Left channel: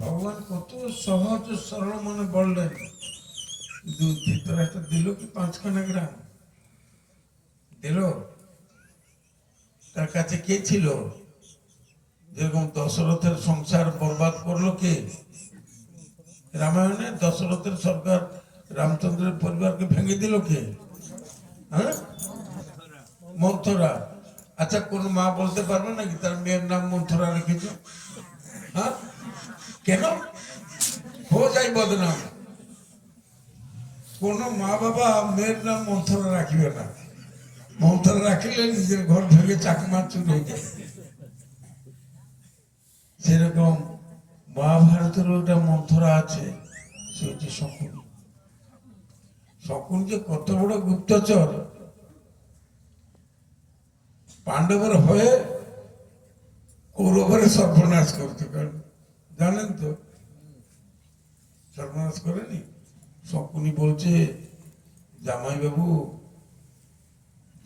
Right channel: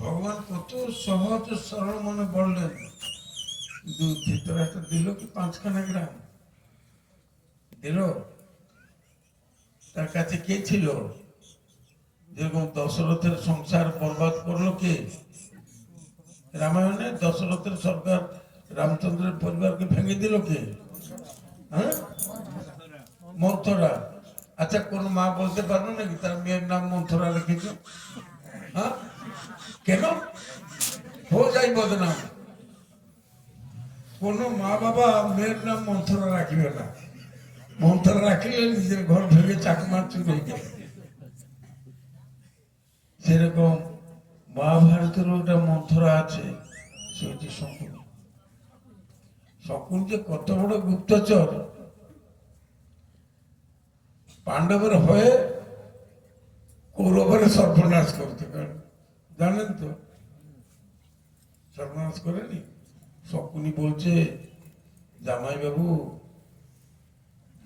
ভগবান কত সহজ সরল মনে বললেন, ভিতরে একটা দিল কি 5খানা গ্রাম দিল। তার কাছে কে ছিল? যেরকম দশরথের সংসার বরবাদ করলো কে? রামায়ণে দশরথের সরকার রামচন্দ্রের পরিবারকে ভেঙে দিল কে? হ্যাঁ, মন্থরা। আচ্ছা, কোন মা বলতে পারবে নাকি তার মেয়ের নাম মন্থরা রেখেছে? হ্যাঁ, কেন? হো যাই বদনাম। কোন মা বাবা মেয়ের নাম মন্থরা রাখবে না। মন্থরা রাখলে নিজের ঘর ভেঙে চাকমা চুরি হয়ে যায়। সেরকম মহাভারতের ওটা মন্থরা আছে, সে হচ্ছে শকুনি। শকুন যে কত বড় গুপ্তচর, পাণ্ডবের হয়ে কৌরবের সর্বনাশ করতে পারে, জানেন তো? সর্বনাশ করেনি। শকুনি বলছে, জামাই বাবু,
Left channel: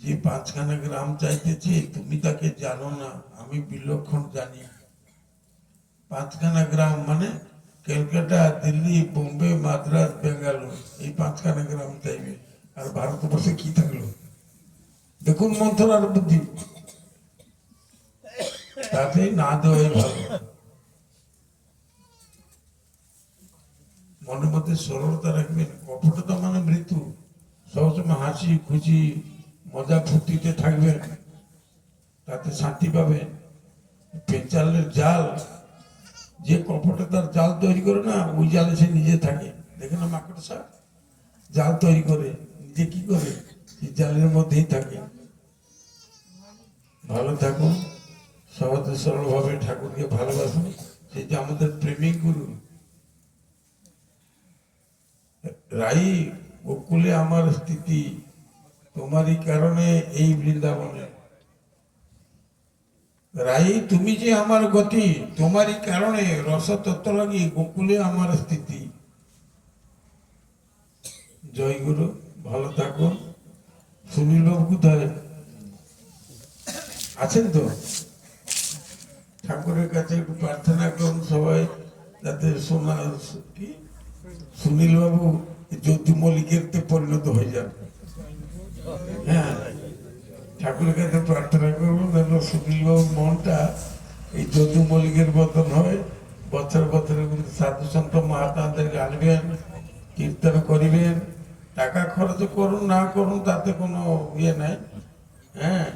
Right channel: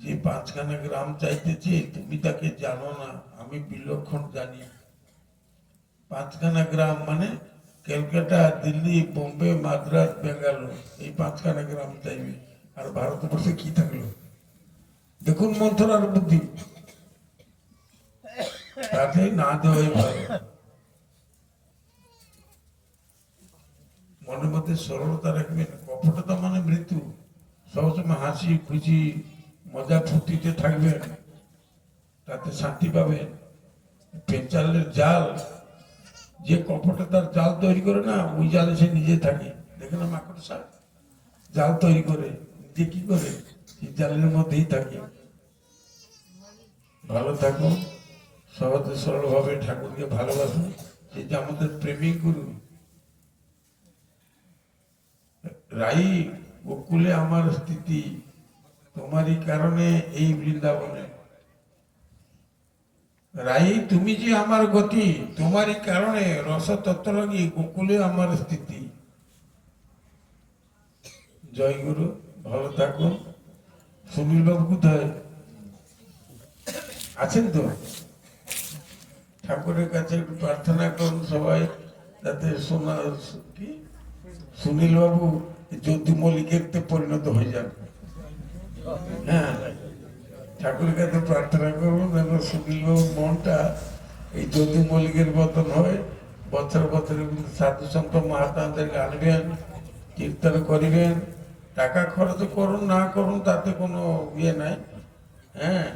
যে 5খানা গ্রাম চাইতেছে তুমি তাকে জানো না, আমি বিলক্ষণ জানি। 5খানা গ্রাম মানে ক্যালকাটা, দিল্লি, বোম্বে, মাদ্রাস, বেঙ্গালোর, এই 5খানা গ্রাম চাইবে। আর ভারতবর্ষে কি থাকলো? দেখুন মন্থরার বুদ্ধি। তাকে না দেওয়াই ভালো। মনের মধ্যে সরলতা রাখবেন। কপটতা মানে মৃত্যু। সবসময় হাসি খুশি মজা ফুর্তিতে থাকবেন, তাতে শান্তি পাবেন। পেঁচালের জাল, যে কপটতার জাল তৈরি করে না, ওই জালে সে নিজে থাকে। দেখে না মাকড়সা জাল তৈরি করে, নিজে কি করে? সেই জালের মধ্যেই থাকে। ভালো থাকুন, সহজ সরল ভাবে ঠাকুরকে ভালোবাসুন। সেই যে আমাদের প্রেমিক গুরু। রাই গোকুলে আমার স্থিতি, তোমারই কারণে এই বৃন্দাবনে। রাই তুমি যে আমার গতি, তোমারই কারণে রস তত্ত্ব লাগি গোকুলে আমার স্থিতি। জয় গুরু, ভালো থাকুন। সুনীল বাবু কোথায় আছেন? তো ঠাকুরের কাছে একটু প্রার্থনা করুন সবাই, যাতে কি সুনীল বাবু জ্যোতি মল্লিকের পরিণত হয়ে যান। হ্যাঁ, ঠাকুরের কাছে প্রার্থনা করবো যেন সুনীল বাবুর মনটা এই জ্যোতি মল্লিকের মতন হয়। বছর বছরের মধ্যে সাধু সন্ত মহাত্মাদেরকে আনবেন, কীর্তন করিবেন। টাকা খরচ করুন না করুন তাতে কোনো ইয়ে নাই। হ্যাঁ,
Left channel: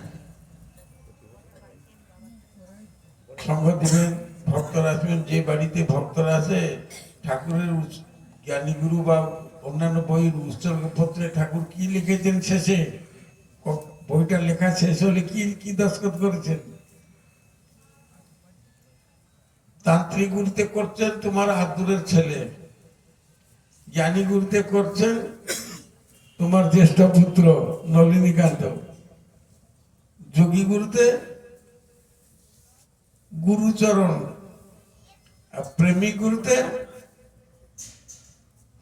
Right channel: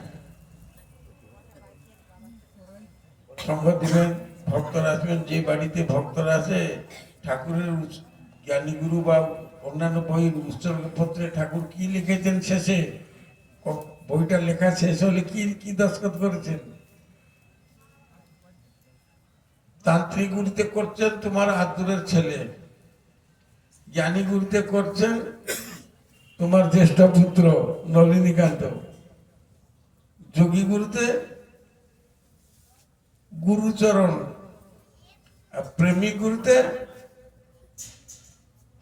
সঙ্গ দিবেন, ভক্তরা আসবেন। যে বাড়িতে ভক্তরা আসে, ঠাকুরের জ্ঞানীগুরু বা অন্যান্য বইয়ের উৎসর্গপত্রে ঠাকুর কি লিখেছেন শেষে, বইটা লেখা শেষ হলে কি কি দস্তখত করেছেন? তান্ত্রিক গুরুতে করছেন তোমার আদুরের ছেলে, জ্ঞানী গুরুতে করছেন তোমার জ্যেষ্ঠ পুত্র নলিনীকান্ত, যোগী গুরুতে গুরুচরণ, আর প্রেমিক গুরুতে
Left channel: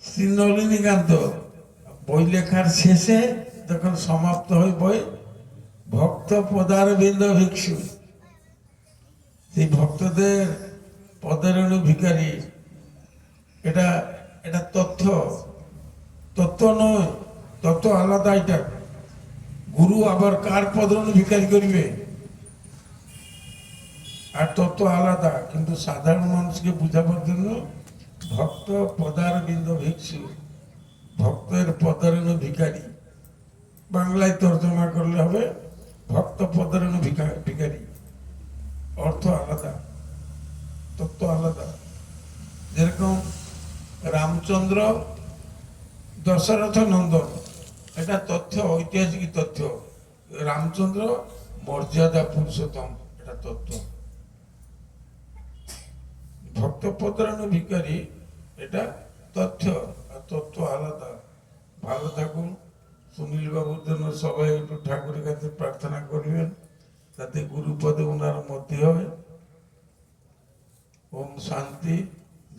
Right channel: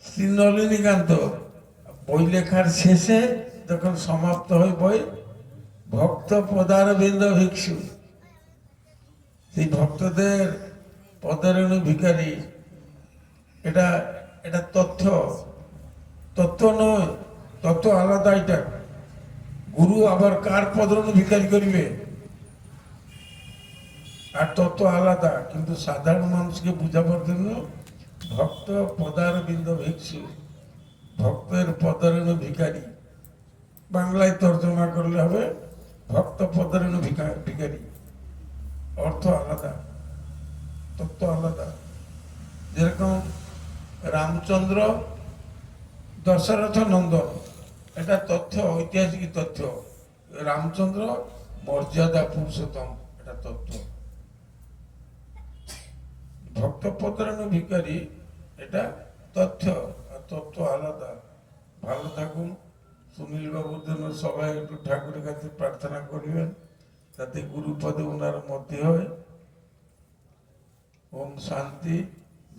শ্রী নলিনীকান্ত। বই লেখার শেষে যখন সমাপ্ত হয় বই, ভক্ত পদারবিন্দ ভিক্ষু, সেই ভক্তদের পদারণ ভিখারি। এটা এটা তথ্য, তত্ত্ব নয়, তত্ত্ব আলাদা। এটা গুরু আবার কার পদারণ ভিখারি করিবে, আর তত্ত্ব আলাদা। কিন্তু সাধারণ মানুষকে বুঝাবার জন্য ভক্ত পদারবিন্দ ভিক্ষু, ভক্তের পদারণ ভিখারি। বাংলায় তর্জমা করলে হবে ভক্ত পদারণ ভিখারি। অর্থ আলাদা, তত্ত্ব আলাদা। যেরকম রামচন্দ্র দশরথ নন্দন, এটা তথ্য, ঐতিহাসিক তথ্য। রামচন্দ্র মর্যাদা পুরুষোত্তম, এটা তথ্য। ভক্ত পদারণ ভিখারি এটা তথ্য, আর তথ্য আলাদা। ভালো থাকুন। সুনীল বাবুর জন্য সবাই একটু ঠাকুরের কাছে প্রার্থনা করিবেন, যাতে গুরুপদে ওনার মধ্যে হয়। ওম শান্তি,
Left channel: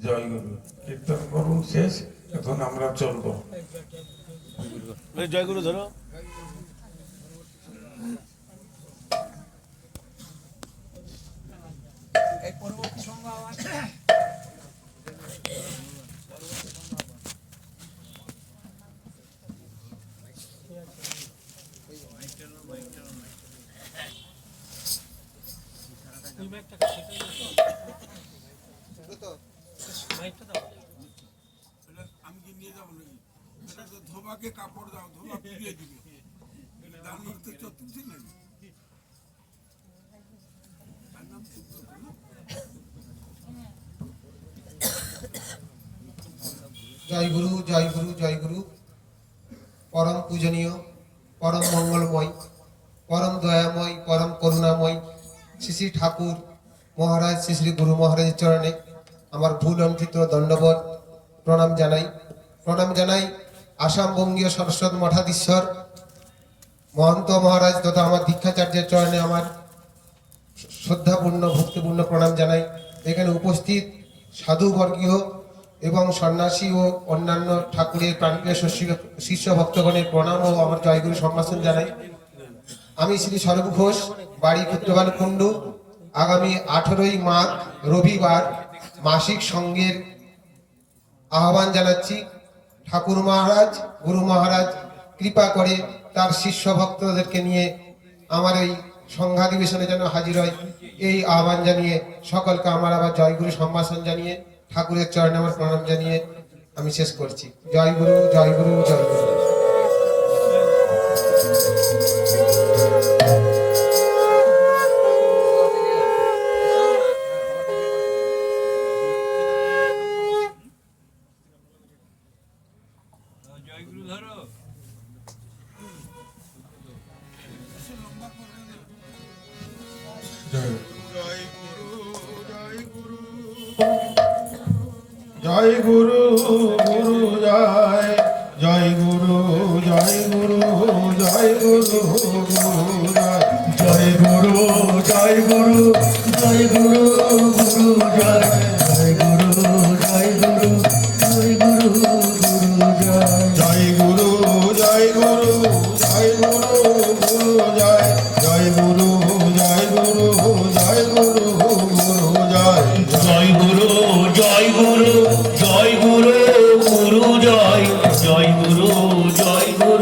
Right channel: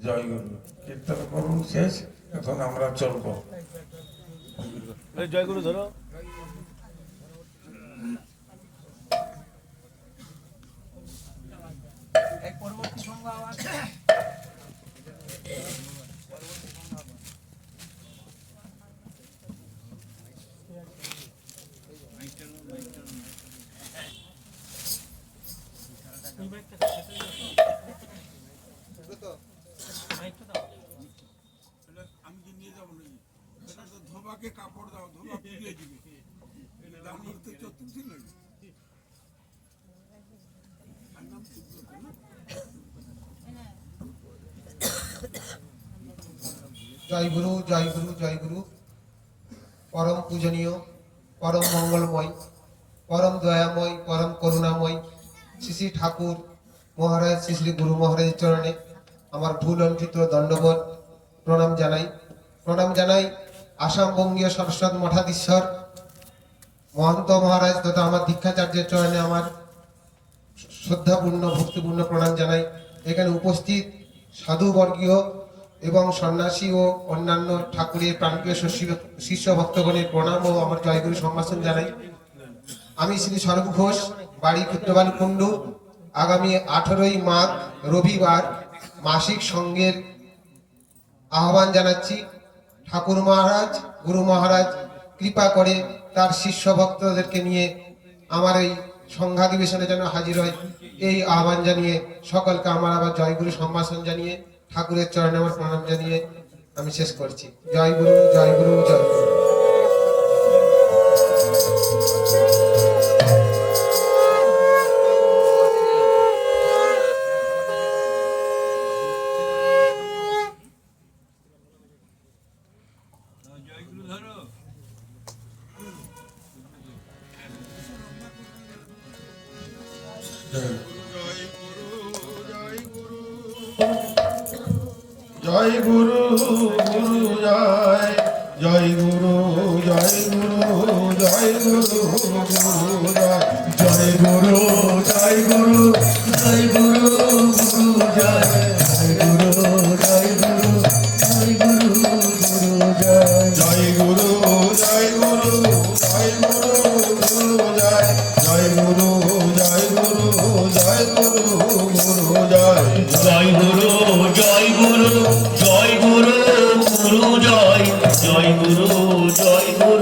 জয় গুরু। কীর্তন করুন শেষ, এখন আমরা চলবো। জয় গুরু ধরো। পরবর্তী সংজ্ঞা আমি কি নিয়ে যাবো নাকি? এটা তো ধোবাকে কাপড় দাও, ধোবা পুড়িয়ে দিবে। তার মধ্যে চতুর্থী নেই। জয় গুরু, জয় গুরু, জয় গুরু। পরম পূজনীয়, পরম মঙ্গলময়, পরম দয়াময়, পরম করুণাময় শ্রী শ্রী ঠাকুর মহারাজ শ্রী শ্রী গুরু মহারাজের চরণে আমার ভুল অন্ত্রিত দণ্ডবত প্রণাম জানাই। প্রণাম জানাই আসাম বঙ্গীয় সরস্বত মঠাধীশ্বর মহন্ত মহারাজ তথা আমার দীক্ষাচার্যের চরণে আমার শ্রদ্ধাপূর্ণ ভক্তিপূর্ণ প্রণাম জানাই। এখানে উপস্থিত সাধুবর্গীয় এবং সন্ন্যাসী ও অন্যান্য ঠাকুরের প্রাণপ্রিয় শিষ্য ভক্তগণের প্রণাম ও আমার জয়গুরু সম্ভাষণ জানাই। আমি শ্রী স্বরূপ ঘোষ, বাড়ি কুত্রবান কুণ্ডু। আগামী 18ই মাঘ রবিবার মাসিক সঙ্গের আহ্বান জানাচ্ছি। ঠাকুর মহারাজ গুরু মহারাজ কৃপা করে তার শিষ্য ভক্তদেরকে নিয়ে আমার এই সংঘাধিবেশনে যেন হাজির হয়, এই আহ্বান জানিয়ে সকলকে আমার আবার জয়গুরু সম্ভাষণ জানিয়ে ঠাকুরের চরণে আমার প্রণাম জানিয়ে আমি শেষ করছি। জয় গুরু, জয় গুরু, জয় গুরু। জয় গুরু, গুরু জয়, জয় গুরু, জয় গুরু, জয় গুরু, গুরু জয়, জয় গুরু, জয় গুরু, জয় গুরু, গুরু জয়, জয় গুরু, জয় গুরু, জয় গুরু, গুরু জয়, জয় গুরু, জয় গুরু, জয় গুরু, গুরু জয়, জয় গুরু, জয় গুরু, জয় গুরু, গুরু জয়, জয় গুরু, জয় গুরু, জয় গুরু, গুরু জয়, জয় গুরু, জয় গুরু, জয় গুরু, গুরু জয়, জয় গুরু, জয় গুরু, জয় গুরু, জয় গুরু, জয় জয় গুরু, জয় গুরু, জয় গুরু,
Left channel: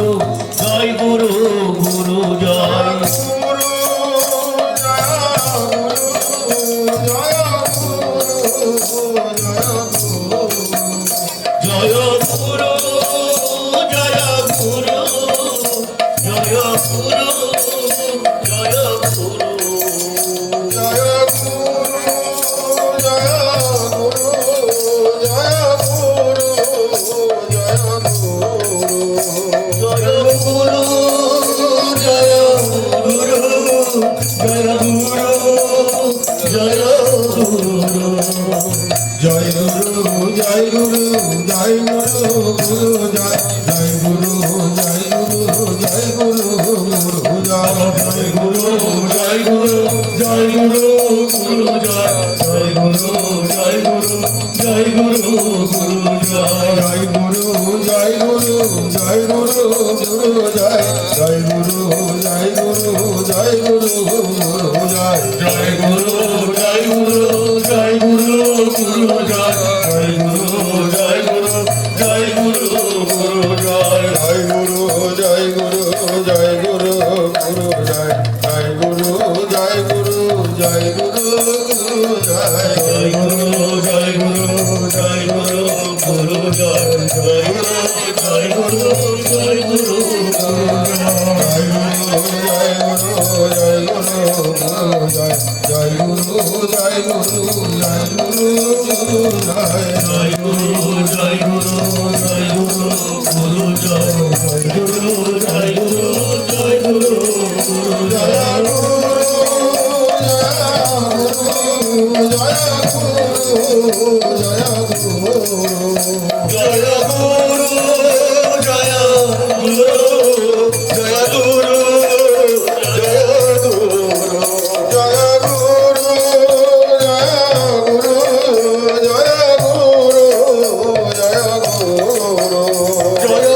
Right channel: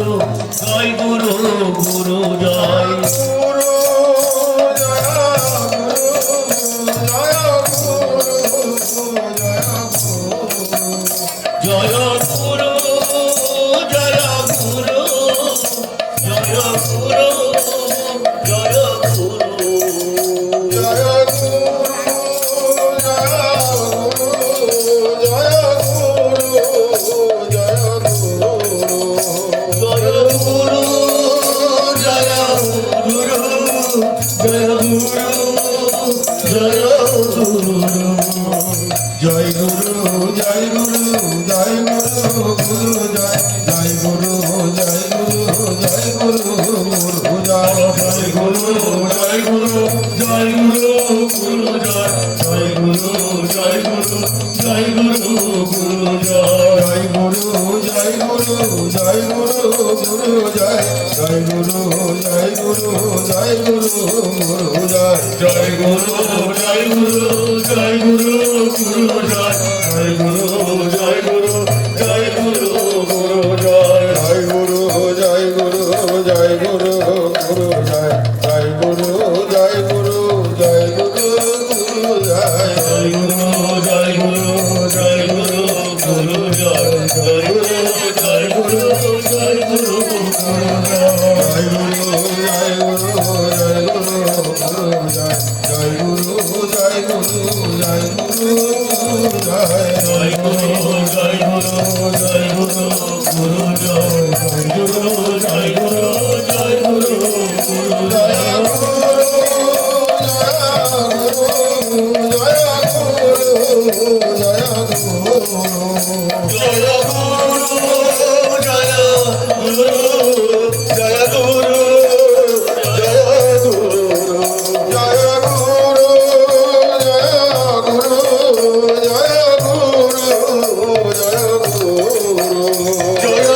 গুরু জয়, জয় গুরু, জয় গুরু, জয় গুরু, গুরু জয়, জয় গুরু, জয় গুরু, জয় গুরু, গুরু জয়, জয় গুরু, জয় গুরু, জয় গুরু, গুরু জয়, জয় গুরু, জয় গুরু, জয় গুরু, গুরু জয়, জয় গুরু, জয় গুরু, জয় গুরু, গুরু জয়, জয় গুরু, জয় গুরু, জয় গুরু, গুরু জয়, জয় গুরু, জয় গুরু, জয় গুরু, গুরু জয়, জয় গুরু, জয় গুরু, জয় গুরু, গুরু জয়, জয় গুরু, জয় গুরু, জয় গুরু, গুরু জয়, জয় গুরু,